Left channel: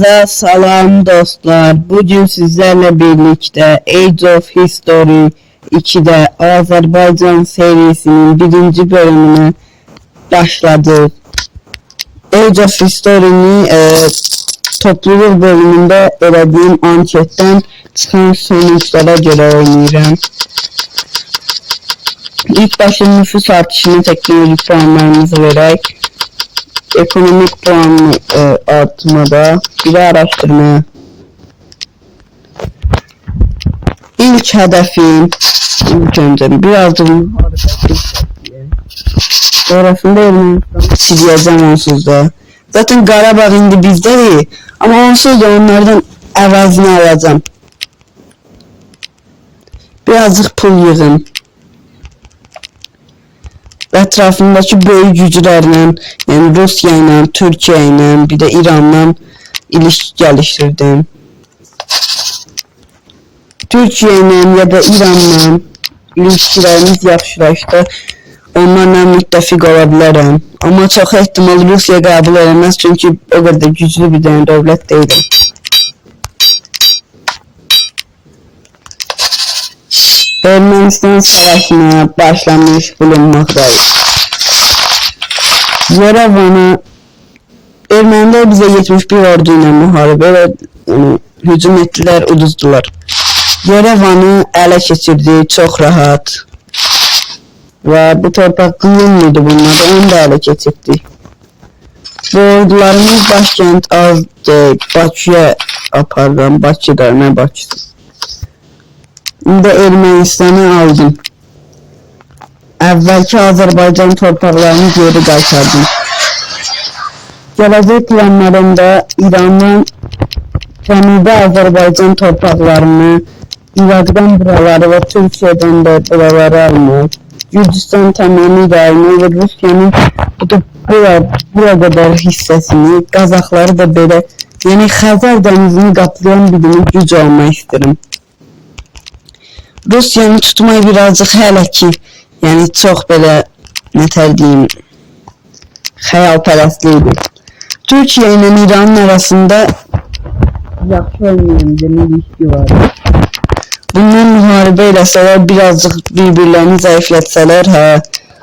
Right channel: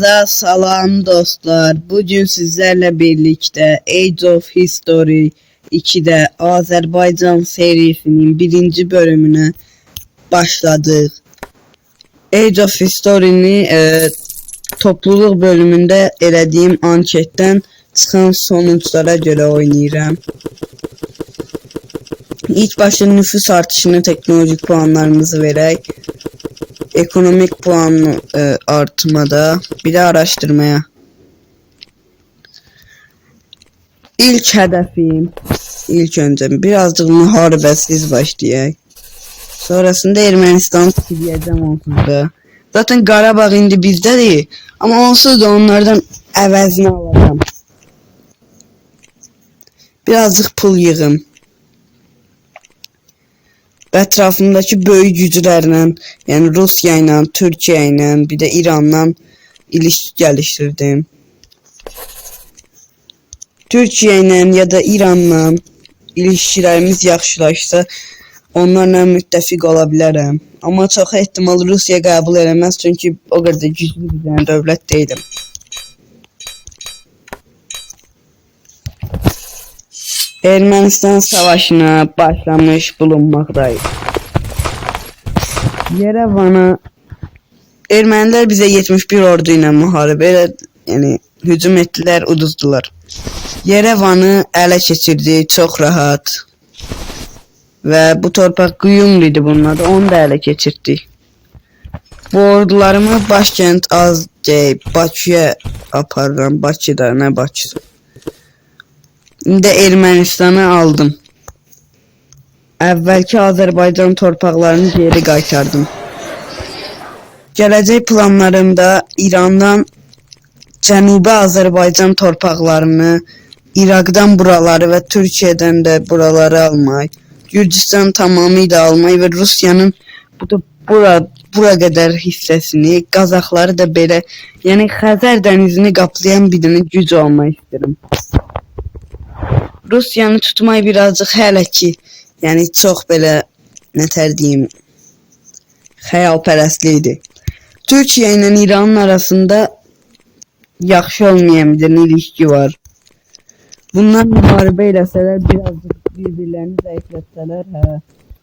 Hepinize salam dostlar. Bugün sizlerle birlikte Age of History 2'de Azerbaycan serisinin birinci bölümüne başladık. Age of History'ni topluluk bölümünde elədiyim anketten çıxan sonuçlara göre oynayıram. İlk başta nüfus artışını, teknolojik puanlarımızı verək. Ekonomik puan artmada, biri araştırmaya. İlk hedefim, ilk önce birazcık müharibəsiz başlayaq. Sonrasında Ermənistanı siliyəcəm onsuz da. Zaten Qarabağ indi bizdədir, ama onsuz da onlardan əvəzini alacağım. Birazcık pul yığın. Etrafındaki böyük güclərlə, yani Rusya ile, Türkiye ile, bir de İran'la ilişki geliştirdim. Türkiye ile ya da İran'la ilişkilerimiz yaxşılaşsa onlarla müttəfiq ola bilərəm. Ama çox ehtimal Rusya qəbul edilməz, çünkü o kadar güclü bir dövlət deyil. Ermənistan savaşına başlamış bulunmaktayız. Yerevan'ı Ermeniler bize 71 ordu ile müharibə yani hücum ettiler, uduzdular. Yerevan'ı ələ keçirdi, çok rahat. Ve bu torpaq Qıyım mıydı bunlar, onu da ələ keçirdi. Bu ordularımız başkent az deyil, Bakıya apardım, Bakıda, nə Bakısı. İndi Ermənistanı aldım. Əvvəlki Azərbaycan torpaqlarını geri qaytardım. Gələcək planlarımda İrandan Cənubi Azərbaycan torpaqlarını, İraqdan buraları ve Türkiye'den de buraları almak, Gürcistan tamamıyla almak ve Rusya'nın bura kadar hissesini, Qazaxları da belə, yani Xəzər dənizini qaplayan bir dənə güc olmak isterim. Rusya'nı tutmayı birazcık hələ ki, yani çok böyle ne diyeyim, xəyalpərəstlikdir. Türkiye ile İran'ın arasında yaxşı olmayan bir ilişki var. Bunlar müharibə eləsələr, birazcık birbirlerini zayıflatsalar,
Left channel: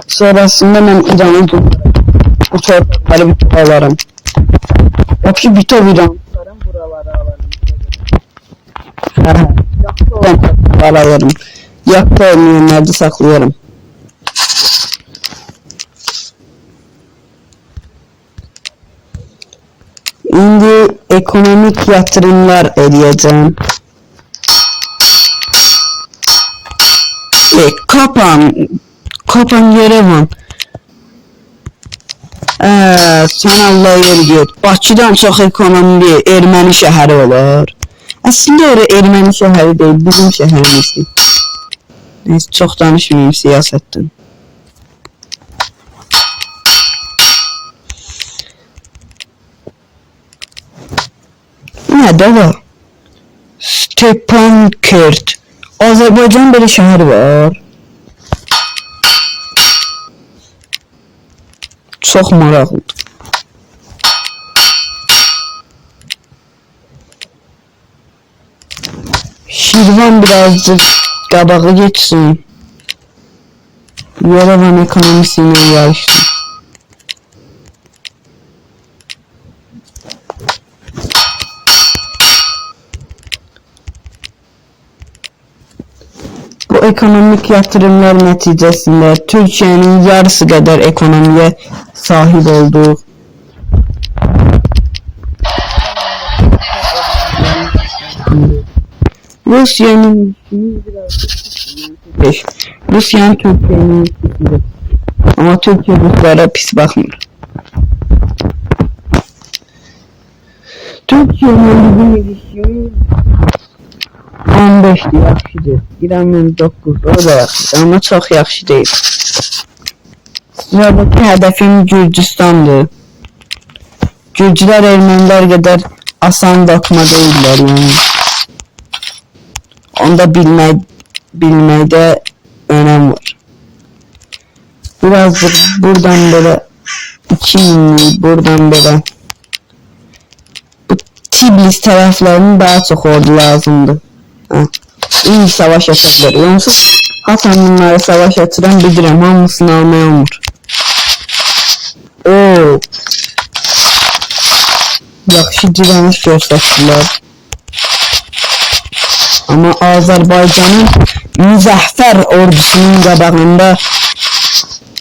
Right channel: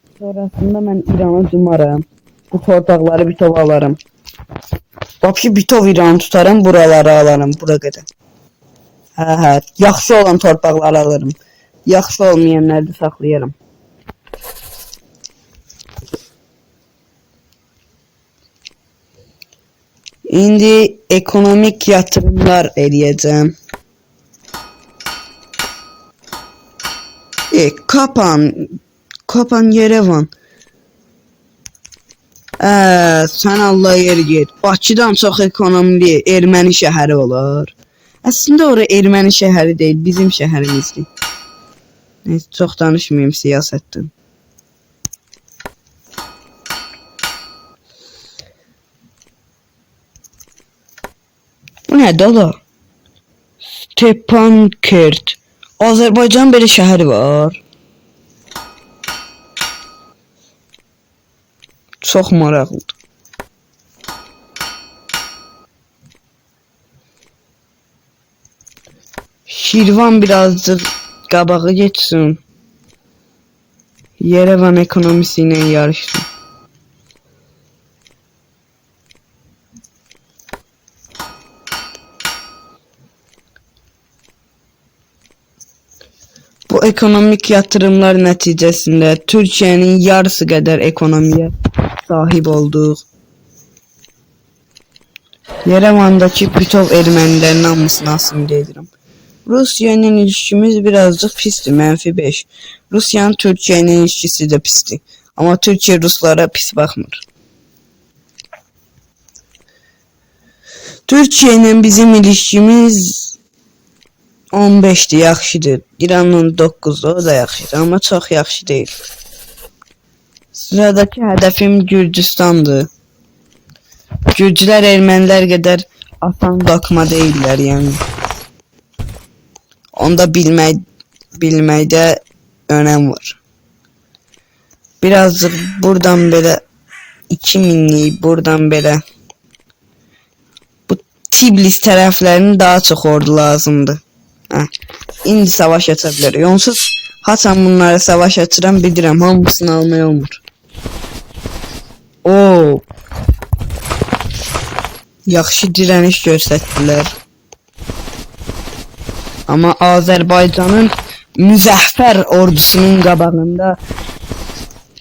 sonrasında mən İran'ı tutarım, bu torpaqları bitov alarım. Vapşı bitov İran'ı tutarım, buraları alarım, bura qədər. Yaxşı olan torpaqları alırım, yaxşı olmayanları da saxlayırım. İndi ekonomik yatırımlar edeceğim. Kapan Yerevan. Sen Allah yeri gör. Bakıdan çox ekonomili Erməni şəhəri olar. Aslında orası Erməni şəhəri değil, bizim şəhərimizdir. Neyse, çok danışmayayım siyasetten. Ne de var? Stepankert. Azerbaycan bir şehir var. Çok maraqlıdır. Şirvan birazcık qabağı geçsin. Yerevan ekonomisiyle yarıştı. Bu ekonomik yatırımlar neticesinde Türkiye'nin yarısı kadar ekonomiye sahip olduk. Yerevan'daki bütün Ermenilerin namusunu asimile edildi. Rusya'nın ilişkimiz birazcık pisti, -5. Rusya'nın Türkiye'nin ilişkisi de pisti. Ama Türkiye Ruslara pis bakmır. Türkiye ile bizim ilişkimiz 15'ti, yaxşıdır. İran'ın 9'da, o da yaxşıdır, ama çok yaxşı değil. Sıradaki hedefim Gürcistan'dı. Gürcüler Ermeniler kadar asan bakma değiller yani. Onda bilməkdə önem var. Birazcık buradan böyle 2000'li, buradan böyle Tbilisi tərəflərinin daha çox ordu lazımdır. İndi savaş aça bilər. Yonsuz haçan bunlara savaş açıram bilirəm, hamısını almaya olmur. Oo. Yaxşı dirəniş göstərdilər. Amma Azərbaycanın müzəffər ordusunun qabağında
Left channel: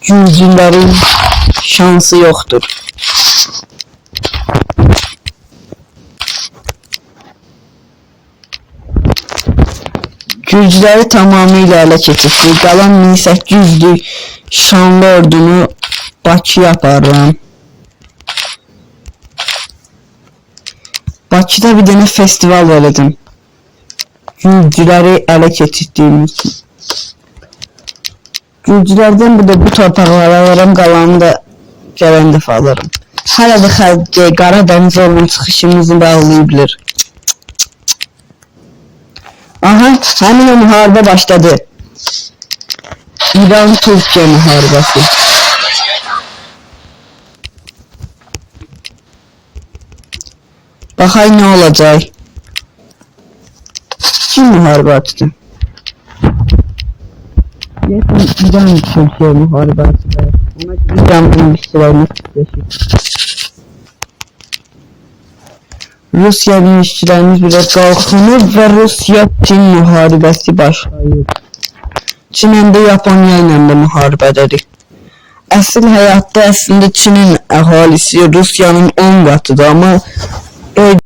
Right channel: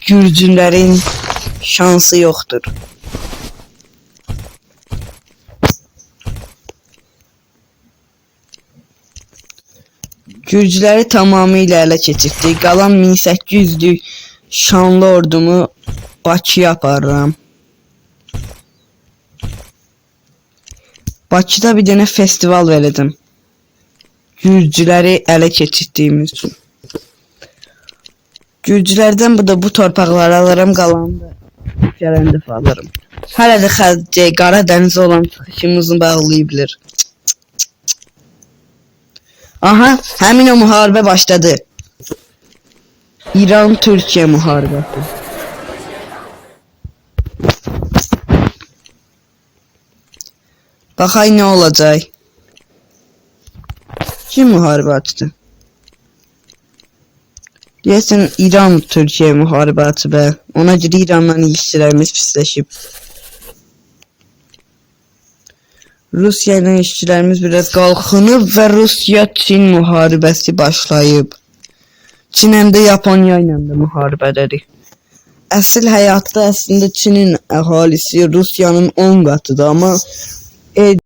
Gürcülərin şansı yoxdur. Gürcüləri tamamilə ələ keçirdi. Qalan 1800'lük şanlı ordunu Bakıya aparıram. Bakıda bir dənə festival verəcəm. Gürcüləri ələ keçirdiyimiz üçün. Gürcülərdən burada bu torpaqları alaram, qalanını da gələn dəfə alaram. Hələ də xərcə Qaradənizə olan çıxışımızı bağlayabilir. Aha, həmin o müharibə başladı. İran-Türkiyə müharibəsi. Baxay nə olacaq? Kim müharibə açdı? Deyəsən İran-Türkiyə müharibə açıb. Ona görə İranla ilişkilərimiz pisləşib. Rusiya ilişkilərimiz biraz qalxınıb və Rusiya-Çin müharibəsi başlayıb. Çin həm də Yaponiya ilə də müharibədədir. Əsl həyatda əslində Çinin əhalisi Rusiyanın 10 qatıdır, amma